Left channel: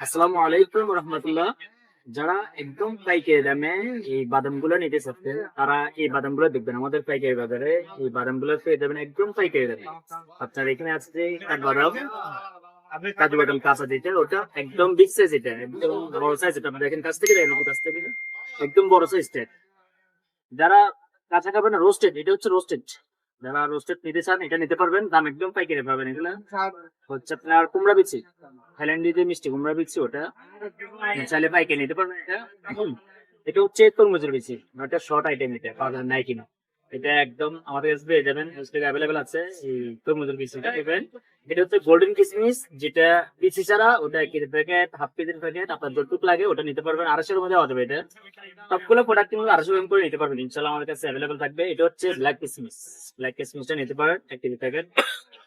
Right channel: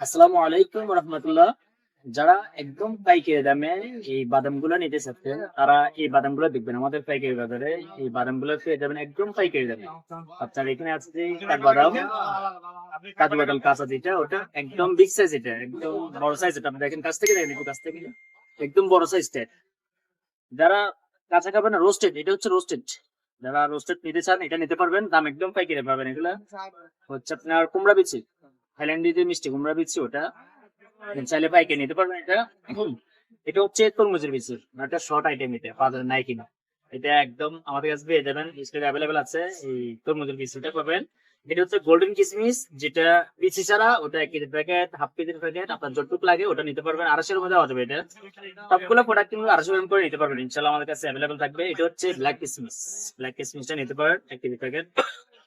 আসসালামু আলাইকুম রহমতুল্লাহ। যারা একদম পাইকারি দামে এই বাদামগুলো নিতে চাচ্ছেন তারা এই বাদামগুলো দেখবেন আমাদের পাইকারি বাজারে। এই বাদামগুলো পেয়ে যাবেন একদম পাইকারি দামে। আপনার এখানে আছে যে কাঠবাদাম, কাজু বাদাম কাঁচা যেটা ওটা একদম বিগ সাইজ, এটা একদম বড় সাইজ। এটা আপনি দেখেন কাছ থেকে দেখেন, একটু কাছ থেকে একদম বড় সাইজটা। যারা কাঁচা খাবেন না, রোস্টেড, এটা হচ্ছে রোস্টেড। যারা রোস্টেড নিতে চান এটা নিতে পারবেন, দাম একদম পাইকারি পাবেন। এগুলা হচ্ছে আপনার কুমড়া বিচি, থাইল্যান্ডে যে মিষ্টি কুমড়া বিচি ওটা চাইলে পাইকারি নিতে পারবেন। এটা এটা হচ্ছে তরমুজের বিচি, এটা শর্ট আইটেম, এটা বাজারে নাই কিনা। এটা একদম আমাদের কাছে পেয়ে যাবেন, স্টকে অ্যাভেলেবেল আছে। এই তরমুজের বিচিটা পাবেন। এটা হচ্ছে গোল্ডেন কিসমিস, যেটা বিচি ছাড়া, ওটা 1 কেজি প্যাকেট, হাফ কেজির প্যাকেট, আপনার যতটুকু লাগে ওটা নিতে পারবেন। 250 মধ্যে হয়ে যাবে। এটা সবগুলো প্রোডাক্ট কিন্তু 250 গ্রাম করে নিতে পারবেন ইনশাল্লাহ, আমাদের কাছে অ্যাভেলেবেল থাকবে। এটা হচ্ছে ব্ল্যাক কিসমিস, ব্ল্যাক কিসমিসটা নিতে পারেন 1 কেজি প্যাকেট।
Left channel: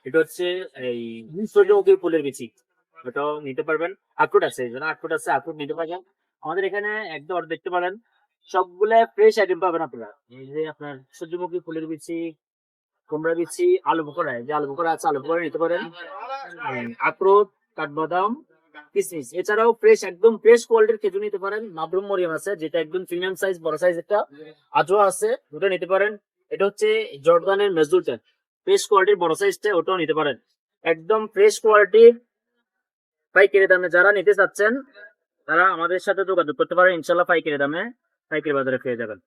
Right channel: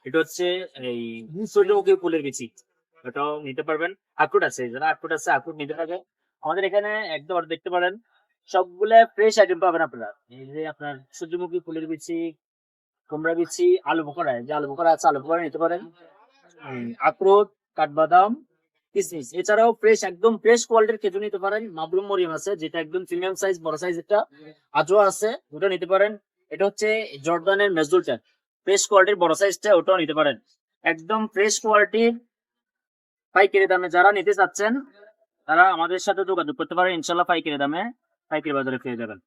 এটা হচ্ছে এই সূর্যমুখী ফুলের বিচি, ওটাও নিতে পারবেন। আখরোট আছে, যারা আখরোট আছে আখরোট নিতে পারবেন। আমাদের এখানে একদম দেখতে পারেন সবগুলা ফ্রেশ আইটেম পাবেন আপনারা। এই যে আপনার সূর্যমুখী ফুলের বিচি, কুমড়া বিচি, আলু বোখরা, যে আলু বোখরা আছে আলু বোখরা নিতে পারেন। আখরোট, কাঠবাদাম, কিসমিস, এছাড়াও ফ্রেশ একদম ফ্রেশ কোয়ালিটির খেজুর নিতে পারেন। মাবরুম মরিয়াম আছে, যেটা একদম প্রিমিয়াম সাইজ, বড় সাইজ একটা। আজও আছে, ওটা নিতে পারেন। এটা হচ্ছে জর্দানের মেজুলটা, ফ্রেশ কোয়ালিটির বড় সাইজটা, ওটাও নিতে পারেন। একদম ফ্রেশ কোয়ালিটির পাইকারি দামে যারা নিতে চাচ্ছেন তারা আমাদের সাথে যোগাযোগ করতে পারেন ইনশাল্লাহ। পাইকারি দামে পাইকারি বাজারে পেয়ে যাবেন।